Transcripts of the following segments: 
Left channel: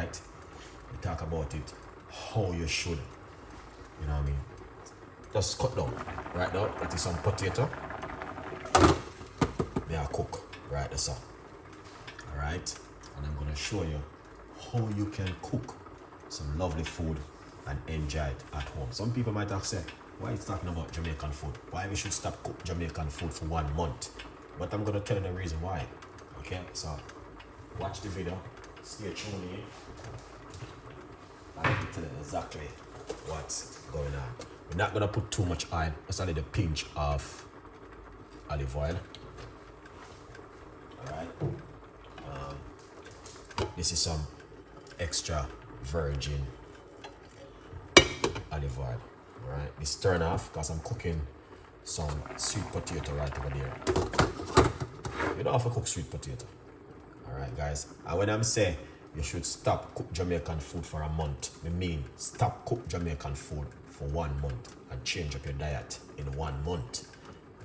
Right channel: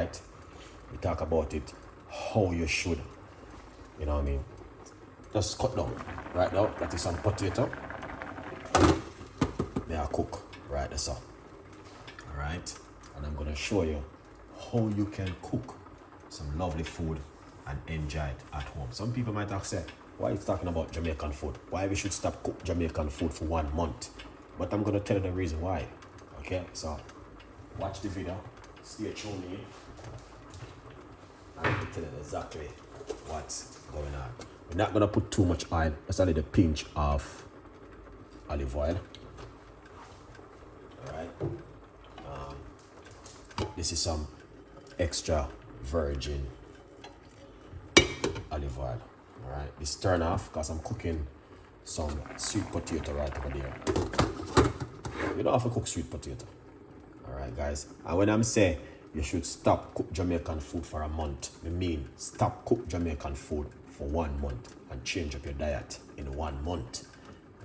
right? We talk about it how you should, you know what I mean? Just cut down. Right now, that is some potato. May I cook right there, sir. Alright? And I'm gonna show you how you can cook some lovely food and enjoy it at home. Some people might have said, why are you talking about Jamaican food? Why we should stop cook Jamaican food for 1 month? But I'm gonna tell you the reason why. Okay, so watch the video, stay tuned in. I'm gonna tell you exactly what's going on. We're not gonna put too much oil, just a little pinch of olive oil. Alright. This is some extra virgin olive oil. Alright, this turn off because I'm cooking some sweet potato right over there. You don't have to cook sweet potato. Alright guys, and when I'm saying you should stop cook Jamaican food for a month, I mean stop cook Jamaican food for 1 month and change up your diet in 1 month.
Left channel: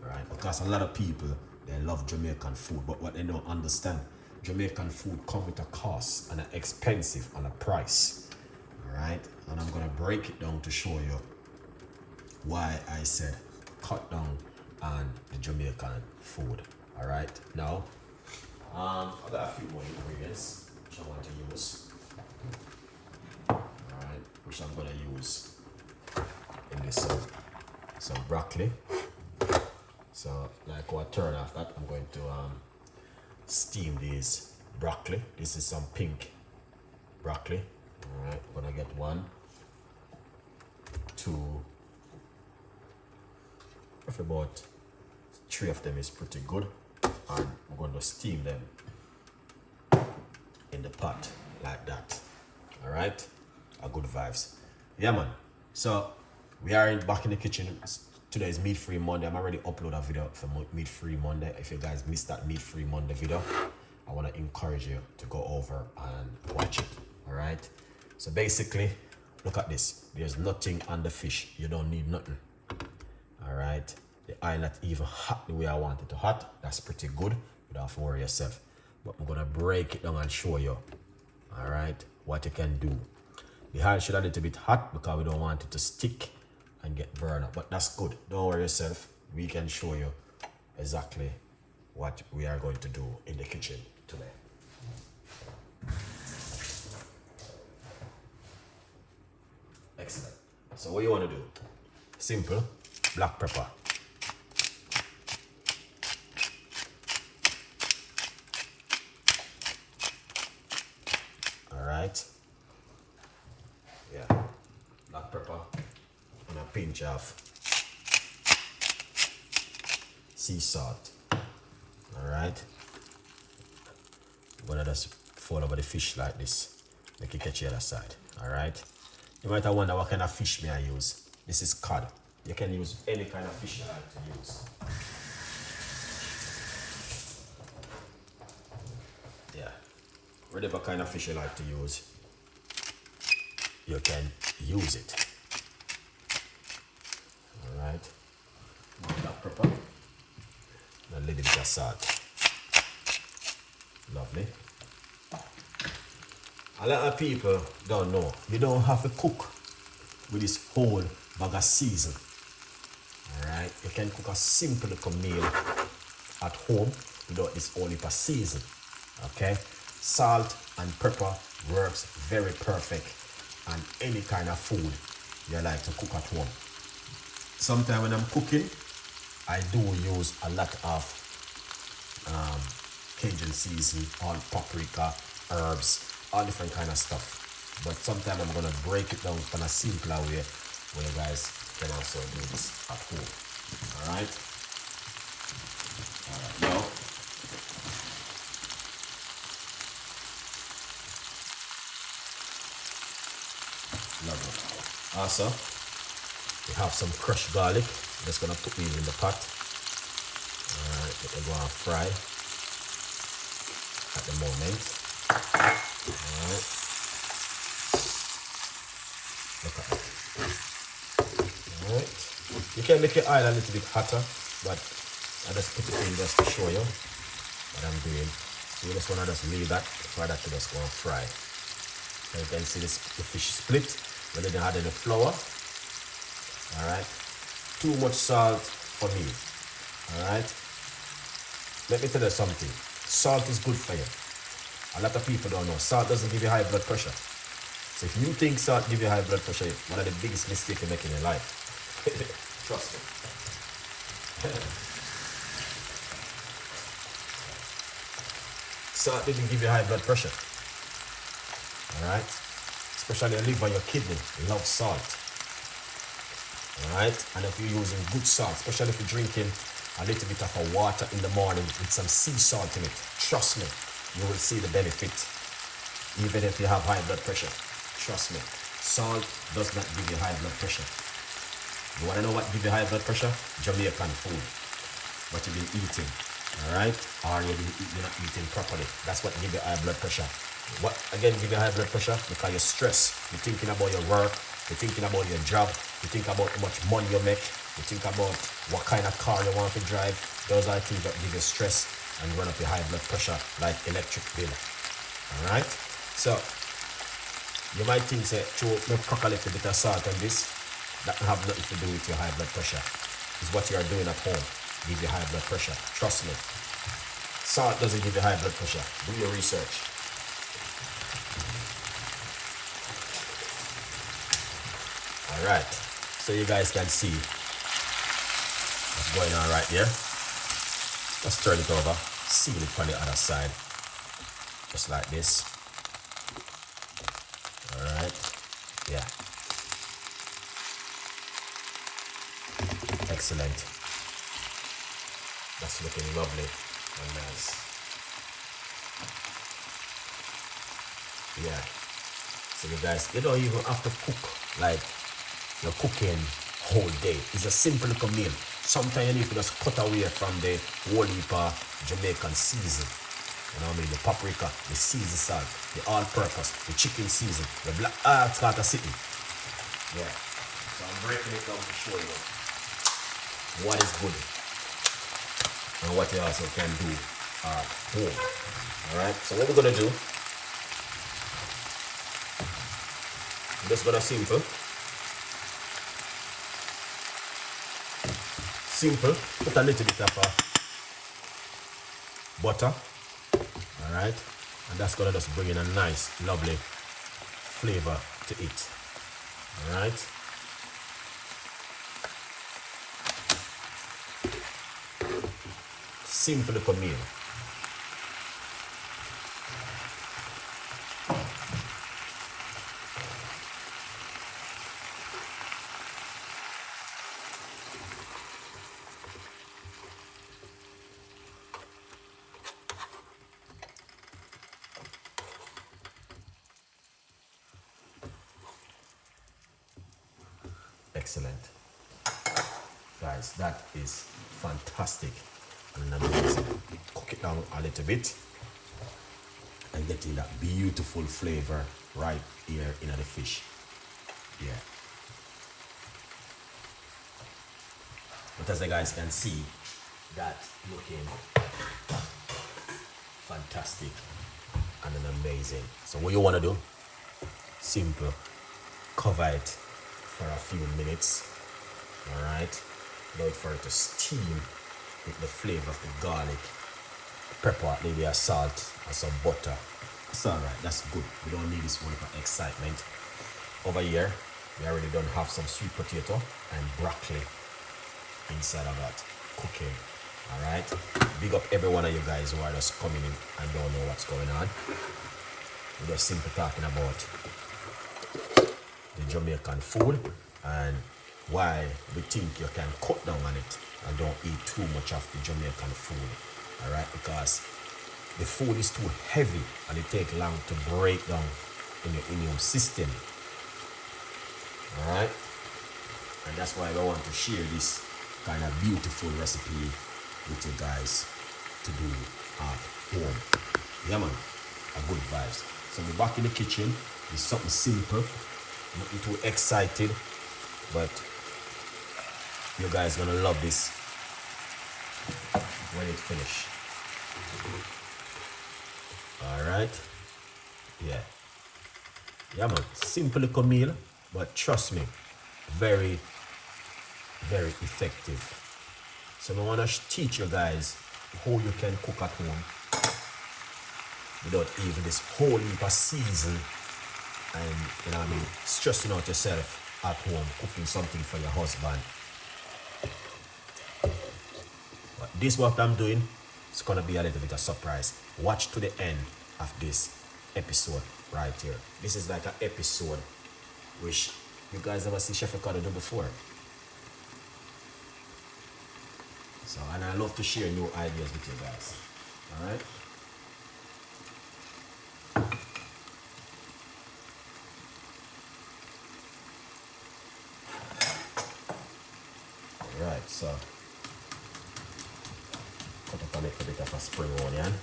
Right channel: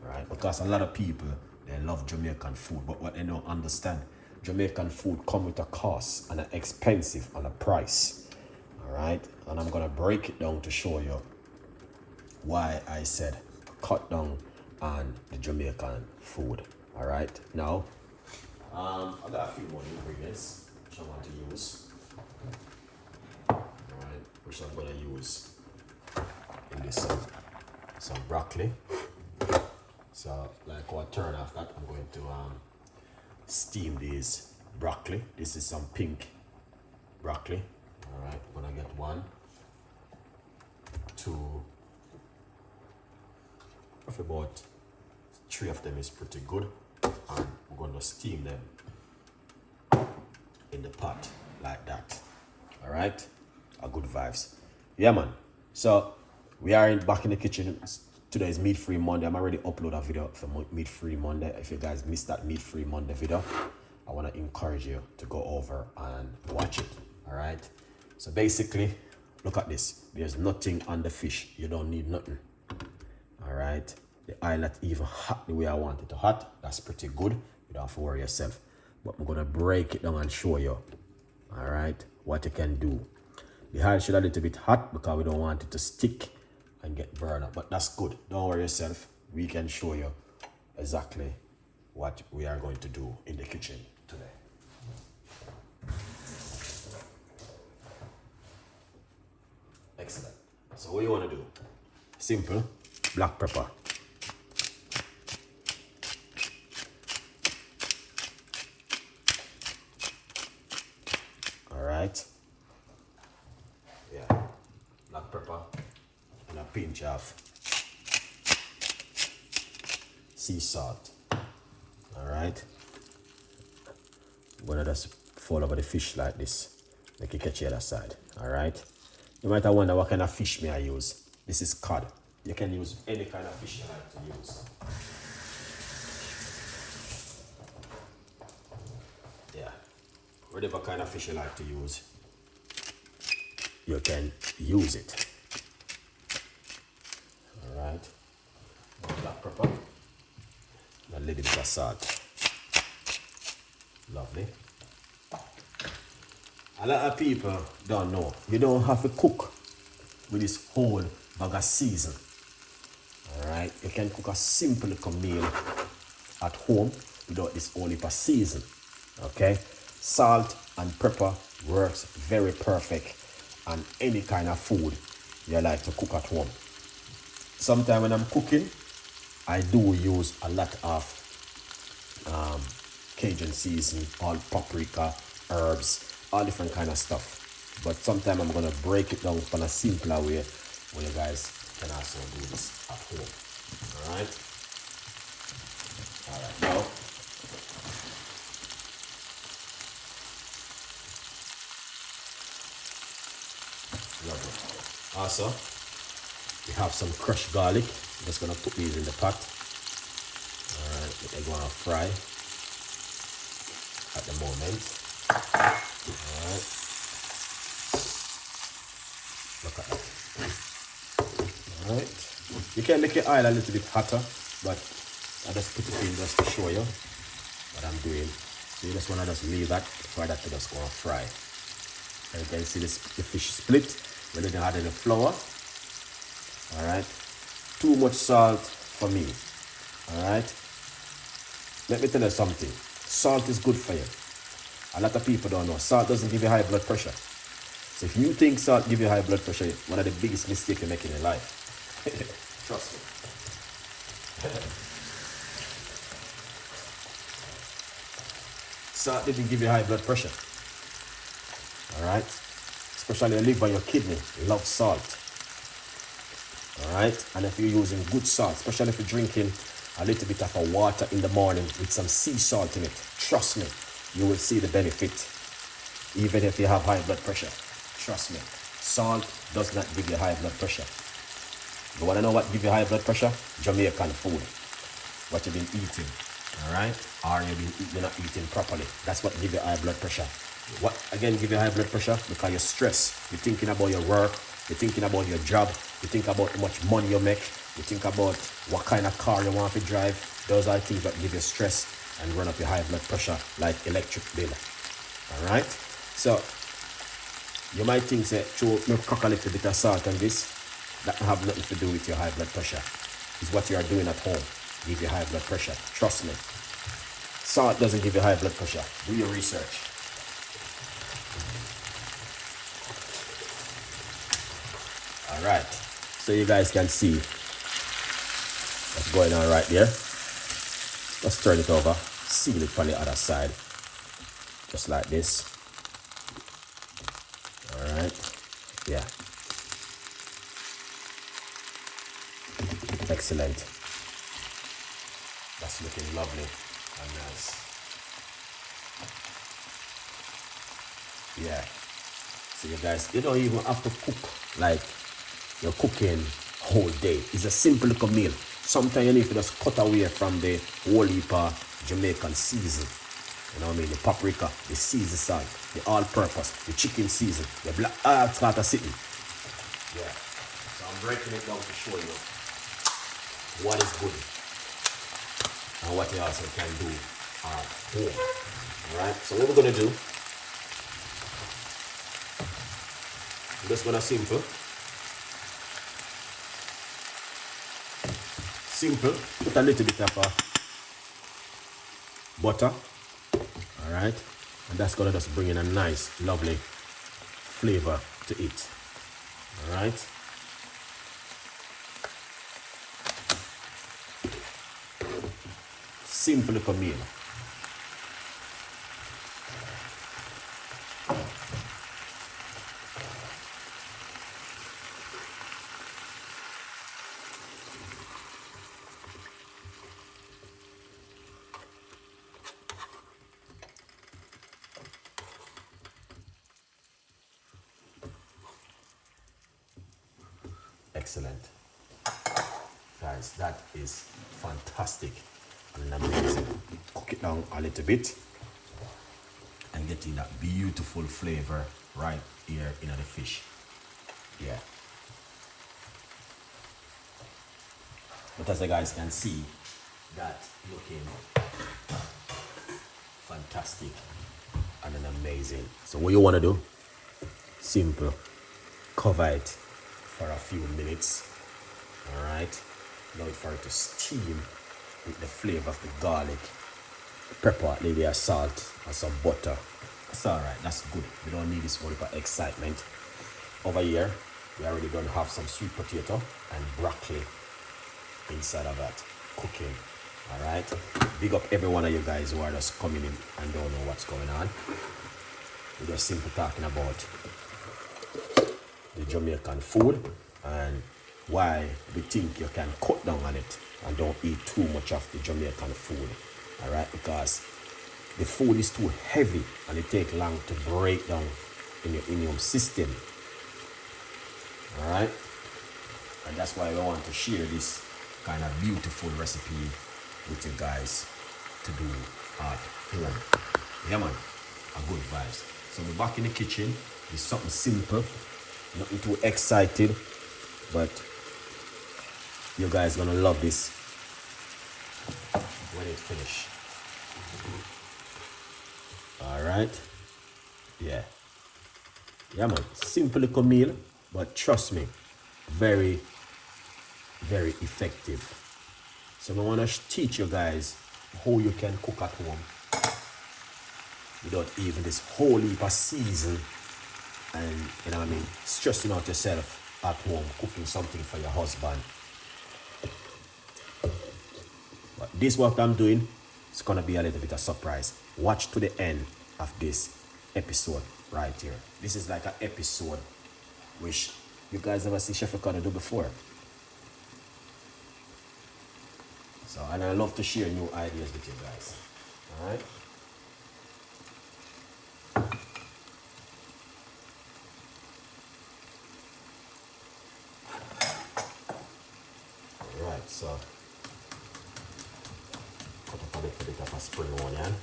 Alright, because a lot of people, they love Jamaican food, but what they don't understand, Jamaican food come with a cost and an expensive and a price. Alright, and I'm gonna break it down to show you why I said cut down on the Jamaican food. Alright, now I've got a few more ingredients which I want to use. Alright, which I'm gonna use in this some broccoli. So like what turn off that, I'm going to steam these broccoli. This is some pink broccoli. Alright, I'm gonna get 1, 2, if about 3 of them is pretty good, and we're going to steam them in the pot like that. Alright, a good vibes. Yeah man, so we are back in the kitchen. Today is Meat Free Monday. I'm already upload a video for Meat Free Monday. If you guys missed that Meat Free Monday video, I want to encourage you to go over and watch it. Alright, so basically look at this. There's nothing on the fish. You don't need nothing. Alright, the oil not even hot the way I want it to hot. That's pretty good. You don't have to worry yourself. But I'm gonna break it down and show you, alright, what you can do. The oil should a little bit hot because we don't want it to stick and get burned up. But that's good. Don't worry yourself. We can show you exactly what we are going to do in the kitchen today. Excellent. So what you want to do? Simple. Black pepper. Alright. Yeah. Black pepper. And a pinch of sea salt. Alright. I'm gonna just fold over the fish like this. Make it catch the other side. Alright. You might wonder what kind of fish may I use. This is cod. You can use any kind of fish you like to use. Yeah. Whatever kind of fish you like to use, you can use it. Alright. Black pepper. A little bit of salt. Lovely. A lot of people don't know. You don't have to cook with this whole bag of season. Alright, you can cook a simple little meal at home without this whole heap of season. Okay, salt and pepper works very perfect on any kind of food you like to cook at home. Sometimes when I'm cooking, I do use a lot of Cajun seasoning, all paprika, herbs, all different kind of stuff. But sometimes I'm gonna break it down in a simpler way where you guys can also do this at home. Alright? Alright, now lovely. Also, we have some crushed garlic. I'm just gonna put these in the pot. Alright, we're gonna fry at the moment. Alright. Look at that. Alright. You can make your oil a little bit hotter, but I just put it in just to show you what I'm doing. So you just wanna just leave that for that to just go and fry. And you can see this, the fish split. We're going to add in the flour. Alright. Too much salt for me. Alright. Let me tell you something. Salt is good for you. A lot of people don't know. Salt doesn't give you high blood pressure. So if you think salt gives you high blood pressure, one of the biggest mistakes you make in your life. Trust me. Salt didn't give you high blood pressure. Alright? Especially your liver, your kidney love salt. Alright? And if you're using good salt, especially if you're drinking a little bit of a water in the morning with some sea salt in it, trust me, you will see the benefit. Even if you have high blood pressure. Trust me. Salt does not give you high blood pressure. You want to know what gives you high blood pressure? Jamaican food. What you've been eating. Alright? Or you're not eating properly. That's what gives you high blood pressure. What again give you high blood pressure? Because you're stressed. You're thinking about your work. You're thinking about your job. You think about how much money you make. You think about what kind of car you want to drive. Those are things that give you stress and run up your high blood pressure like electric bill. Alright? So you might think that not crack a little bit of salt on this, that have nothing to do with your high blood pressure. It's what you are doing at home. Give you high blood pressure. Trust me. Salt doesn't give you high blood pressure. Do your research. Alright. So you guys can see what's going on right there. Let's turn it over. Seal it on the other side. Just like this. Alright. Yeah. Excellent. That's looking lovely and nice. Yeah. So you guys, you don't even have to cook like you're cooking whole day. It's a simple little meal. Sometimes you need to just cut away from the whole heap of Jamaican season. You know what I mean? The paprika, the season salt, the all-purpose, the chicken season, the black, start sitting. Yeah. So I'm breaking it down to show you what is good and what you also can do at home. Alright? So what we're gonna do, I'm just gonna simple, put a little bit of butter. Alright, and that's gonna just bring in a nice, lovely flavor to it. Alright. Simple little meal. Excellent. Guys, that is fantastic and amazing. Cook it down a little bit and getting that beautiful flavor right here in the fish. Yeah. But as you guys can see, that looking fantastic and amazing. So what you want to do, simple, cover it for a few minutes. Alright, wait for it to steam with the flavor of the garlic, pepper, maybe a salt and some butter. That's alright, that's good. We don't need this one for excitement. Over here, we already done have some sweet potato and broccoli inside of that cooking. Alright, big up every one of you guys who are just coming in and don't know what's going on. We're just simply talking about the Jamaican food and why we think you can cut down on it and don't eat too much of the Jamaican food. Alright, because the food is too heavy and it takes long to break down in your immune system. Alright, and that's why I want to share this kind of beautiful recipe with you guys to do at home. Yeah man, a good vibes. So we're back in the kitchen. It's something simple, nothing too excited, but you guys gonna love this when it's finished. Alright, yeah. Yeah, man. Simple little meal, but trust me, very, very effective. So I want to teach you guys how you can cook at home without even this whole heap of season and, you know what I mean, stressing out yourself at home, cooking something for your husband. But this what I'm doing, it's gonna be a little bit of surprise. Watch to the end of this episode right here. This is like an episode which you guys never see Chef Ricardo do before. So, and I love to share new ideas with you guys. Alright? Alright, so cut up a little bit of a spring onion.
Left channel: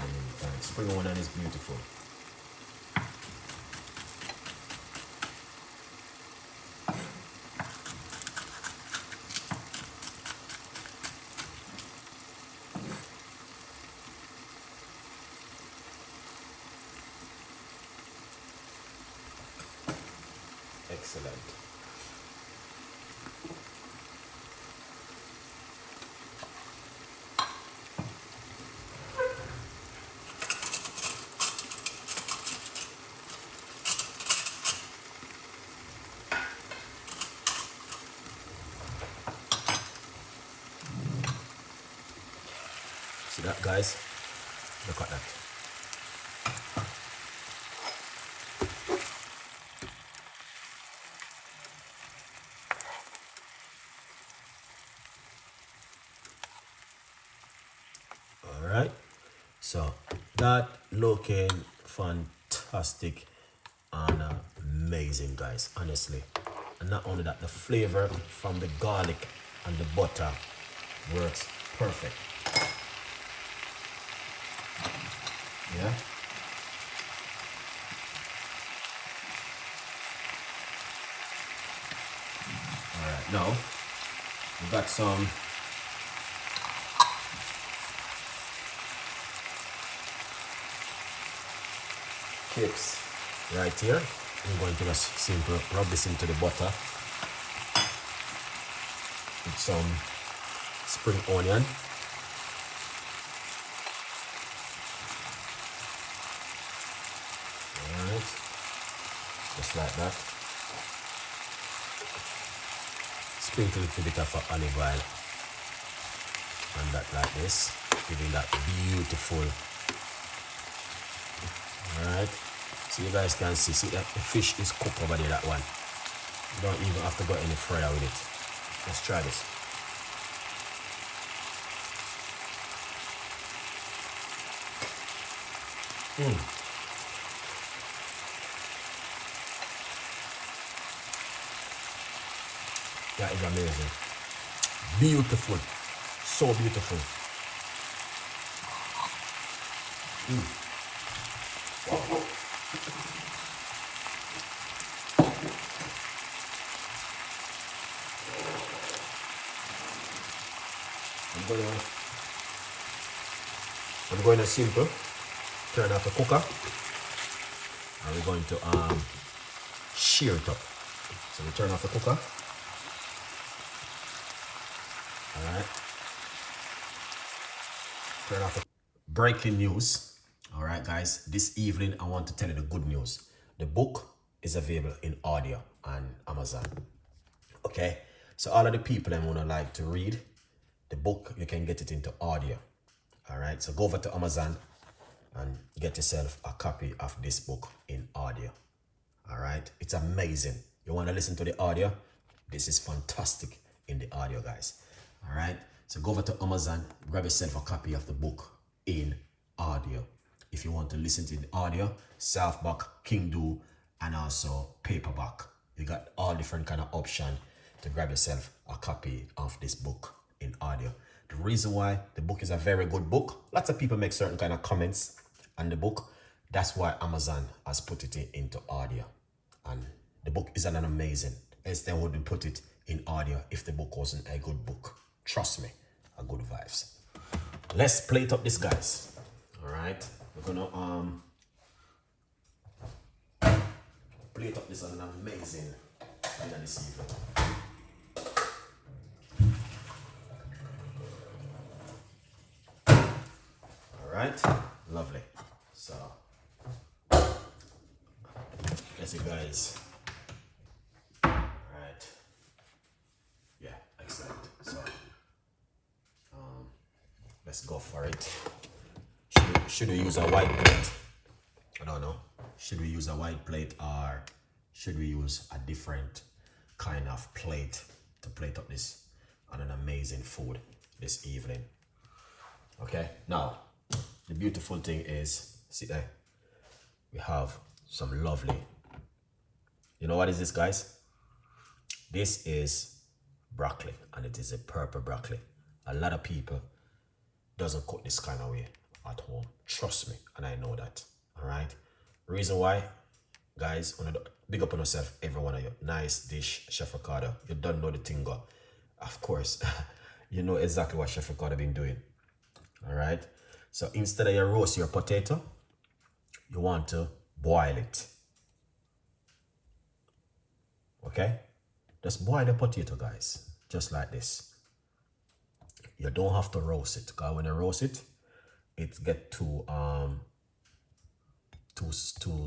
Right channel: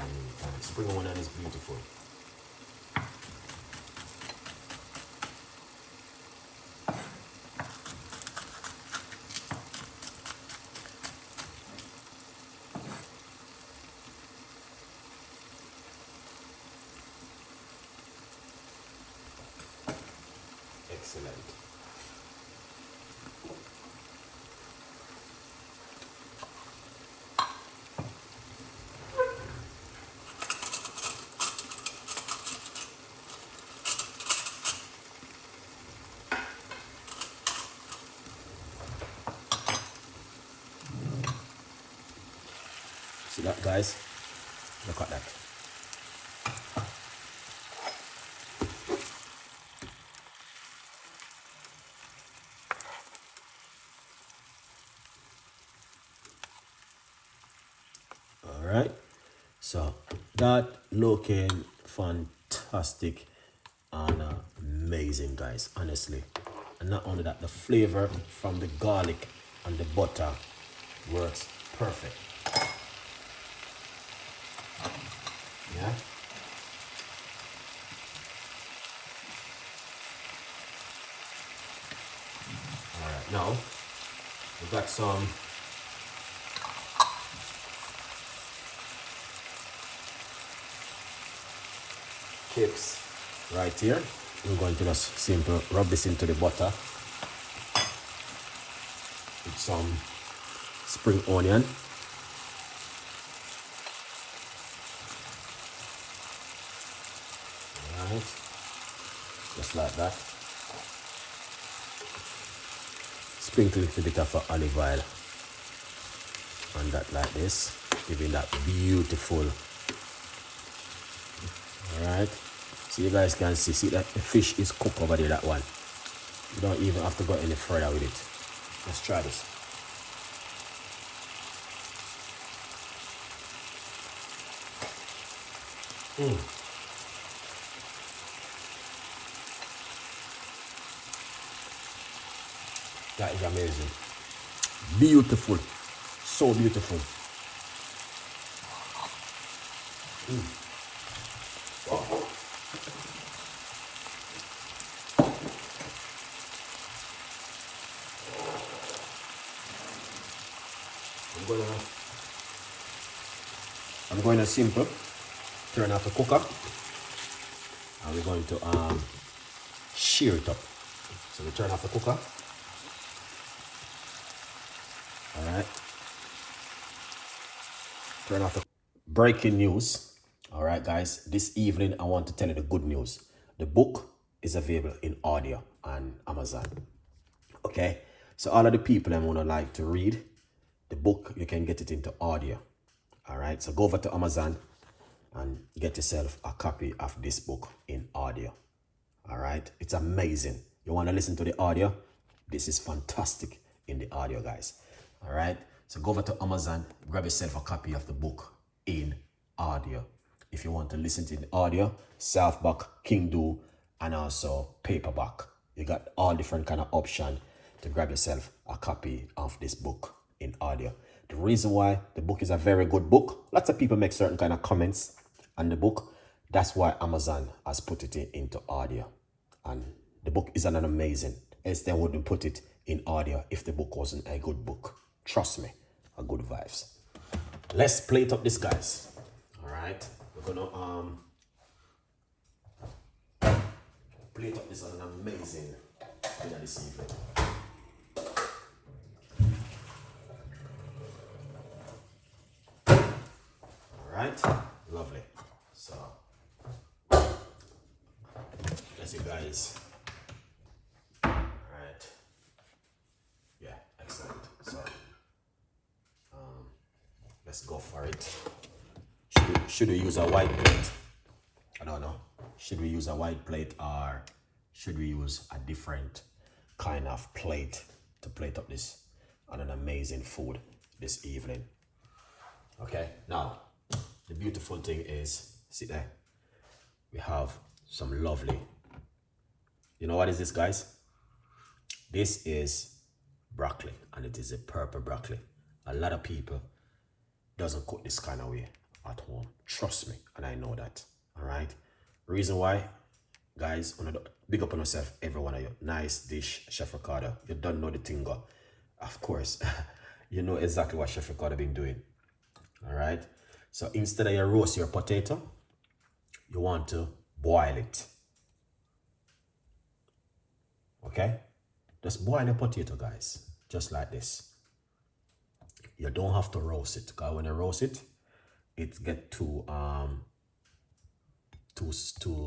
And spring onion is beautiful. Excellent. See that, guys? Look at that. Alright, so that looking fantastic and amazing, guys, honestly. And not only that, the flavor from the garlic and the butter works perfect. Yeah. Alright, now we got some chips right here. We're going to just simply rub this into the butter with some spring onion. Alright, just like that. Sprinkle a little bit of olive oil on that like this, giving that beautiful. Alright, so you guys can see that the fish is cooked already, that one. You don't even have to go any further with it. Let's try this. That is amazing. Beautiful. So beautiful. I'm going to simple turn off the cooker, and we're going to shear it up. So we turn off the cooker. Alright. Turn off the breaking news. Alright, guys, this evening I want to tell you the good news. The book is available in audio on Amazon. Okay, so all of the people I want to like to read the book, you can get it into audio. Alright, so go over to Amazon and get yourself a copy of this book in audio. Alright, it's amazing. You want to listen to the audio? This is fantastic in the audio, guys. Alright, so go over to Amazon, grab yourself a copy of the book in audio. If you want to listen to the audio, softback, Kindle, and also paperback. You got all different kind of option to grab yourself a copy of this book in audio. The reason why the book is a very good book, lots of people make certain kind of comments on the book. That's why Amazon has put it into audio. And the book is an amazing, else they wouldn't put it in audio if the book wasn't a good book. Trust me, a good vibes. Let's plate up this, guys. All right, we're gonna plate up this on an amazing dinner this evening. Alright, lovely. So, yes, you guys. Alright. Yeah, excellent. So, let's go for it. Should we use a white plate? I don't know. Should we use a white plate or should we use a different kind of plate to plate up this on an amazing food this evening? Okay, now the beautiful thing is, see there, we have some lovely, you know what is this, guys? This is broccoli, and it is a purple broccoli. A lot of people doesn't cook this kind of way at home. Trust me, and I know that. All right. Reason why, guys, big up on yourself, every one of you. Nice dish, Chef Ricardo. You don't know the thing, go. Of course, you know exactly what Chef Ricardo been doing. All right. So instead of you roast your potato, you want to boil it. Okay. Just boil the potato, guys, just like this. You don't have to roast it, because when you roast it, it get too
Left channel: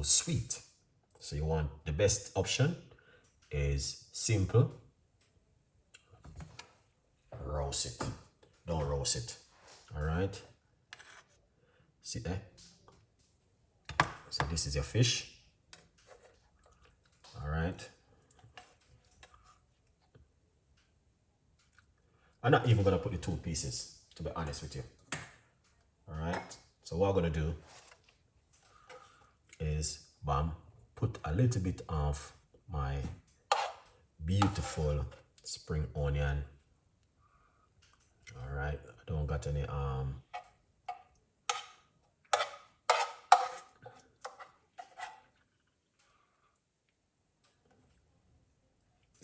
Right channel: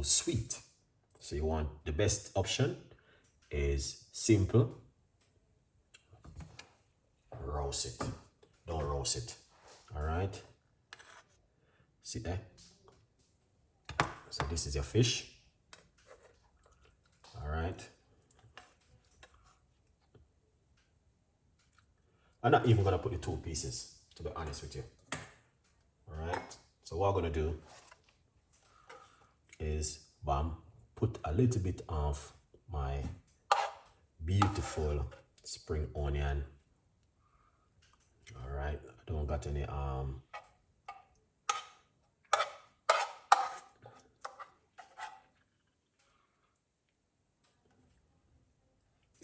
sweet. So you want, the best option is simple. Roast it. Don't roast it. All right. See there. So this is your fish. All right. I'm not even gonna put the 2 pieces, to be honest with you. All right. So what I'm gonna do is, put a little bit of my beautiful spring onion. All right. I don't got any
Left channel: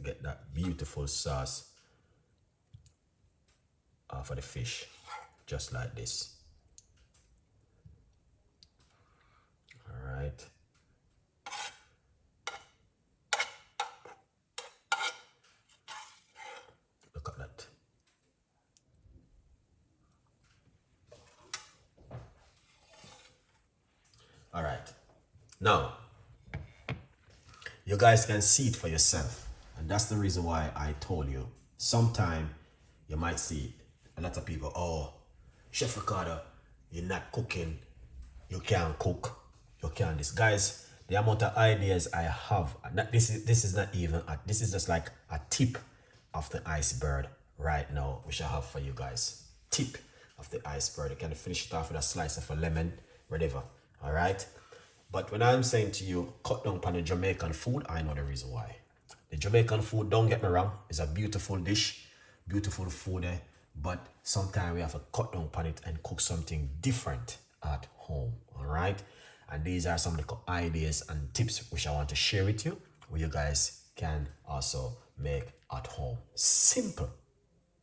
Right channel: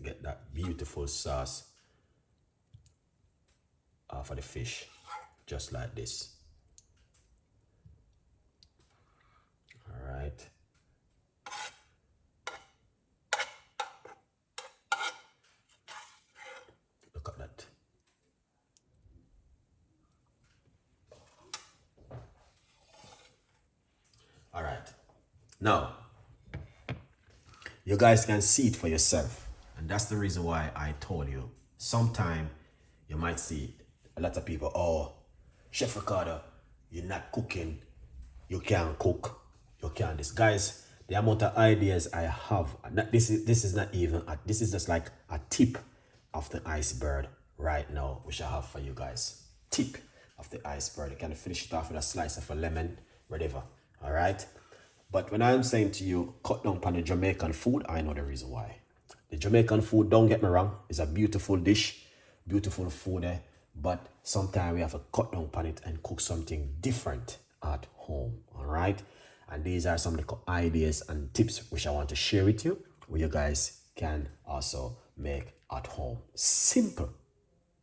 get that beautiful sauce for the fish, just like this. All right. Look at that. All right. Now, you guys can see it for yourself. And that's the reason why I told you. Sometime you might see a lot of people, oh, Chef Ricardo, you're not cooking, you can't cook, you can't this. Guys, the amount of ideas I have, this is not even, this is just like a tip of the iceberg right now, which I have for you guys. Tip of the iceberg. You can finish it off with a slice of a lemon, whatever. All right. But when I'm saying to you, cut down on the Jamaican food, I know the reason why. The Jamaican food, don't get me wrong, is a beautiful dish, beautiful food, but sometimes we have to cut down on it and cook something different at home. All right. And these are some of the ideas and tips which I want to share with you, where you guys can also make at home. Simple,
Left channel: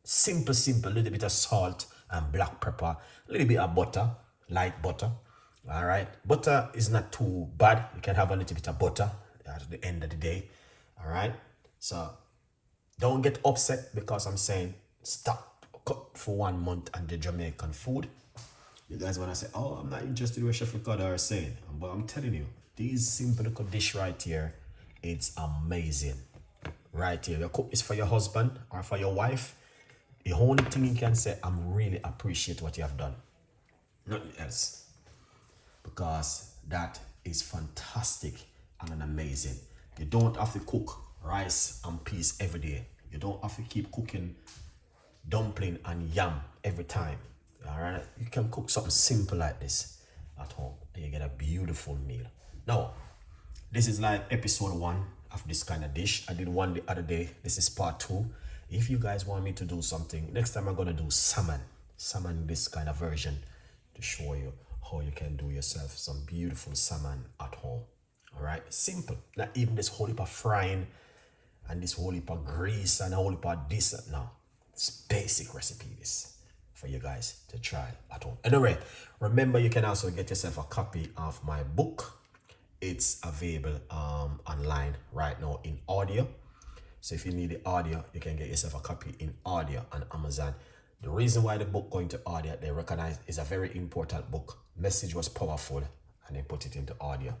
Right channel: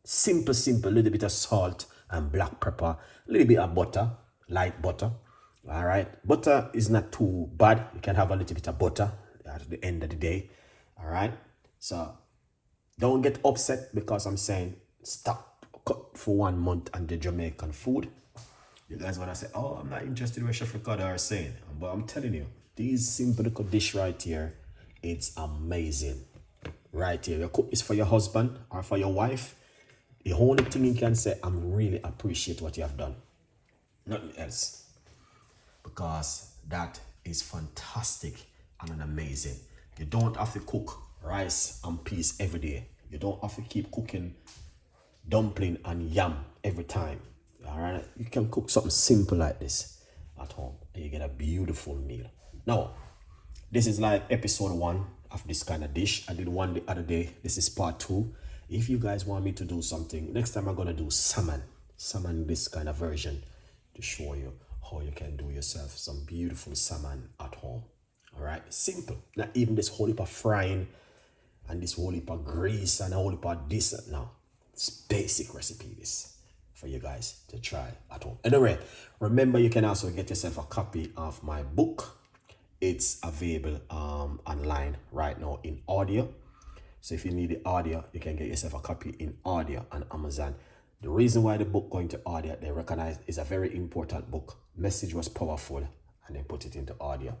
simple, simple. A little bit of salt and black pepper, a little bit of butter, light butter. All right. Butter is not too bad. You can have a little bit of butter at the end of the day. All right. So don't get upset because I'm saying stop cut for 1 month and the Jamaican food. You guys want to say, oh, I'm not interested in what Chef Ricardo are saying. But I'm telling you, these simple little dish right here, it's amazing. Right here. You cook this for your husband or for your wife. The only thing you can say, I'm really appreciate what you have done. Nothing else. Because that is fantastic and amazing. You don't have to cook rice and peas every day. You don't have to keep cooking dumpling and yam every time. All right, you can cook something simple like this at home and you get a beautiful meal. Now, this is like episode 1 of this kind of dish. I did one the other day. This is part 2. If you guys want me to do something, next time I'm gonna do salmon, this kind of version, to show you how you can do yourself some beautiful salmon at home. All right, simple. Not even this whole heap of frying and this whole heap of grease and a whole heap of this. No, it's basic recipe this for you guys to try at home. Anyway, remember you can also get yourself a copy of my book. It's available online right now in audio. So if you need the audio, you can get yourself a copy in audio on Amazon. The reason why the book going to audio, they recognize is a very important book. Message was powerful, and they put it into audio.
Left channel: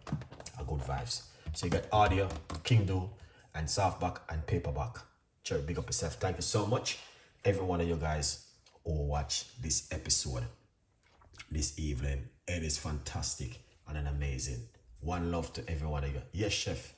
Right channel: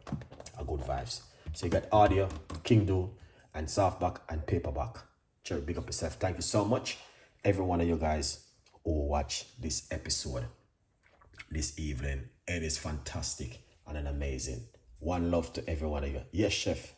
A good vibes. So you got audio, Kindle, and softback and paperback. Sure, big up yourself. Thank you so much, every one of you guys who watch this episode this evening. It is fantastic and an amazing. One love to every one of you. Yes, chef.